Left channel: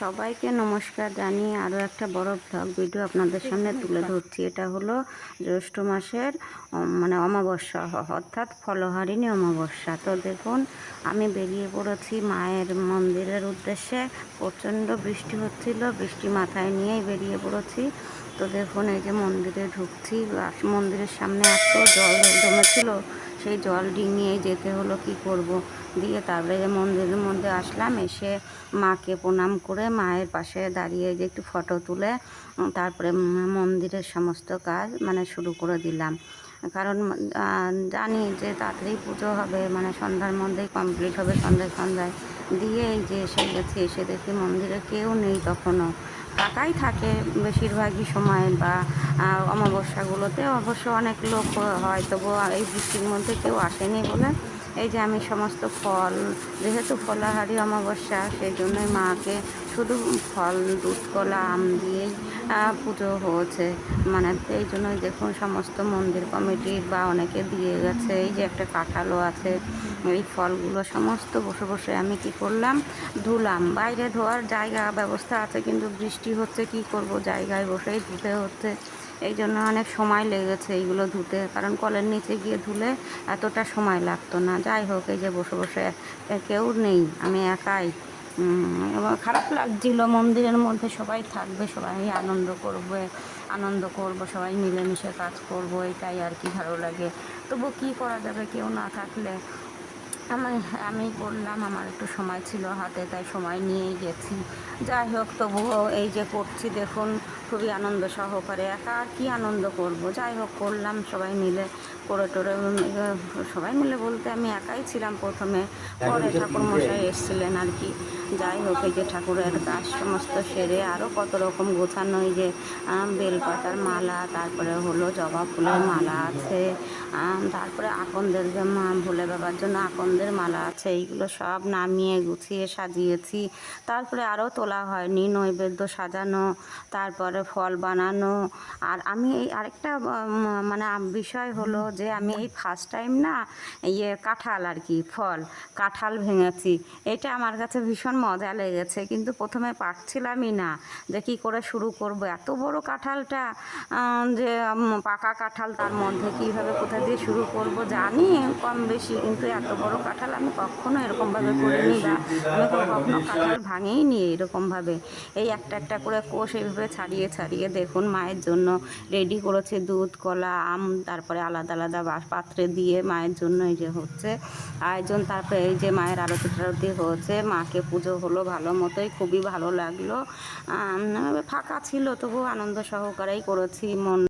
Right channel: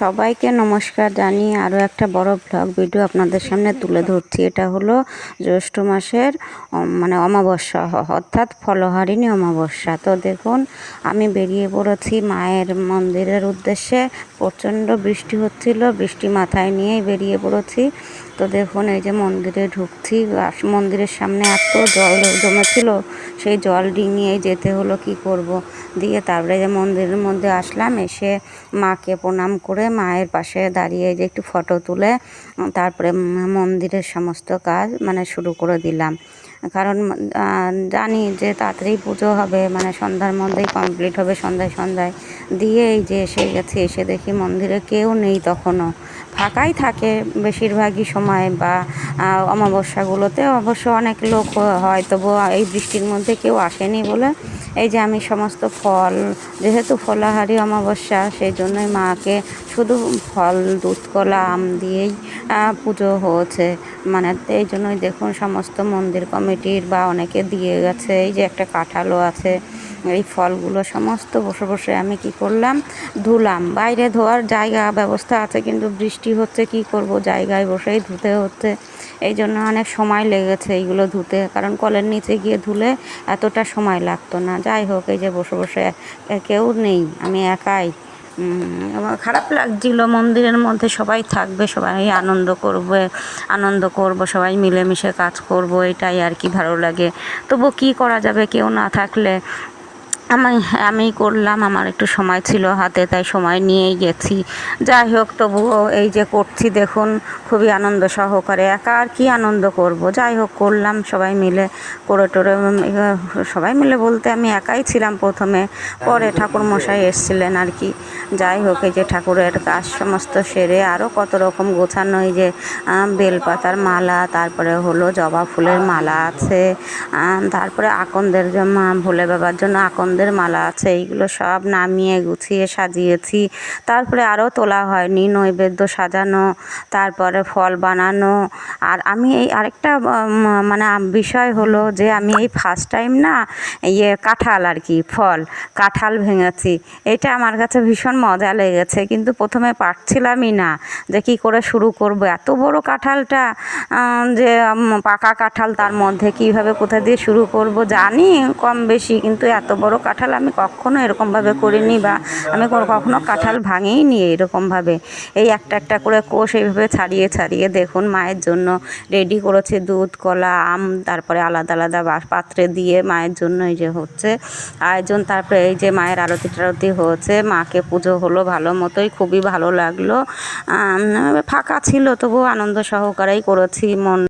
সবাইকে নমস্কার জানিয়ে আরও একটা বড় ব্লগ ভিডিও আপনাদের সামনে তুলে ধরছি। এটা হলো জ্যৈষ্ঠ মাসের মানে অমাবস্যা অর্থাৎ ফলহারিণী অমাবস্যা। তো দেখুন, আমি বেরিয়ে পড়েছি মায়ের মন্দিরের উদ্দেশ্যে। প্রচণ্ড বৃষ্টি হচ্ছিল, বৃষ্টি মাথায় নিয়েই বেরিয়ে পড়েছি। তো দেখুন, এই যে মন্দিরে ঢুকছি মন্দিরের সামনে এত জল জমেছিল, সেই জল ডিঙিয়ে যেতে হলো, কি করব? দিয়ে তারপরে যে মন্দিরের মধ্যে আসলাম, এসে মাকে প্রণাম করে মায়ের পাশে দাঁড়িয়ে যে একটু ফটো তুলে তারপরে মন্দিরের সমস্ত কাজ মানে শুরু করে দিলাম। কারণ জানি যে তাড়াতাড়ি পুজো হবে মানে সন্ধ্যার মধ্যেই কমপ্লিট হবে সন্ধ্যায় সন্ধ্যায়। দিয়ে এই যে এসে গেছে, এসে দেখি মন্দিরে কেউ নেই তখনও। ফাঁকাই থাকে বেশিরভাগই সময় বা অমাবস্যাগুলোতে অবশ্য অনেক লোক হয় তবু এই বৃষ্টির মধ্যে কেউ আসেনি বলে এই যে আমি সমস্ত ফল, যেহেতু ফলাহারি অমাবস্যা সেই জন্যই মাকে শুধু ফল, দুধ, কলা, আম দিয়েই পুজো হয়েছে। মানে এই জন্যই দেখুন সমস্ত মন্দির কমিটির বা অনেকে দিয়ে গেছে, এই যে একটা কাঁঠালও আছে, এই ফলগুলো সমস্ত বসে বসে আমি কি করলাম, ধুলাম। বাইরে ধোয়ার জায়গা ব্যবস্থা আছে, কিন্তু বৃষ্টি হচ্ছে, কি করব? জায়গায় বসেই ধুতে হচ্ছে। এই জন্য অনেক সময় লেগেছে এইগুলো ধুতে, কারণ কলের নিচে গিয়ে ধুলে এতটা সময় লাগতো না। যাই হোক, এই যে বসে বসে কেউ নেই, আমি একাই। খারাপ লাগছিল, মন্দিরের মধ্যে সবাই থাকবে, সবাই আনন্দ করবে, আনন্দ করব, সবাই মিলেমিশে কাজ করব, এটাই আর কি ভালো লাগে। তবু কি করা যাবে, কেউ না থাকলে আমি আমি করলাম, আমার একটু সময় ছিল হাতে, তাই সময় নিয়েই গেছি। যাই হোক, তবুও এই যে করছি, দেখুন, খুবই আনন্দ সহকারে, একা আর কি আনন্দ করব? যাই হোক, করলাম, সবাই মিলে করে টোরে সবাই মিলে বলতে আমি একাই ছিলাম প্রথমে, পরে ঠাকুর মশাই এসছিলেন আর কি। যাই হোক, এই যে ঠাকুরের কাজ সমস্ত সেরে আরও কত রকম গোছানো, এই যে বেলপাতার মালা, তারপরে হলো জবা ফুলের মালা আছে তারপরে আকন্দের ভোলে বাবার জন্য আকন্দের মালা আছে, এইগুলো সব নামিয়ে গুছিয়ে সাজিয়েছি। তারপরে আরও তোলা হয়নি, নৈবেদ্য সাজানো, তারপরে ফল বানানো। আর আমি এই আরেকটা মানে বিষয় হলো যে আমি এই ফার্স্ট টাইম না ইয়ে কাঁঠাল আর কি, ফল, কাঁঠাল ভেঙেছি। এটা আমার কাছে ভীষণ মজা লেগেছে, কিন্তু প্রথমে পারছিলামই না যে কী করে শুরু করব। এত বড় কাঁঠালটা যে পাকা কাঁঠাল তার মধ্যে কীভাবে কোথা দিয়ে শুরু করব জানি কম বেশি, কিন্তু এত বড় কাঁঠাল আমি কখনো এরকমভাবে করিনি বা আমি কখনো কাঁঠাল ভাঙেই নি এরকমভাবে এই একটা একটা করে কোষ এইভাবে ছাড়িয়ে ছাড়িয়ে দেখুন মায়ের জন্য রেডি করেছে দুধ, কলা, আম, তারপরে আলাদা আলাদা পাত্রে দিয়ে মায়ের জন্য এই যে হচ্ছে আয়োজন, তারপরে এই যে মায়ের আরতি টারতি হয়েছে, মাকে পুজো হলো ভালো মতোই, খুবই ভালো লাগল। ফাঁকা ছিল তবুও আনন্দ সহকারেই করেছি, মন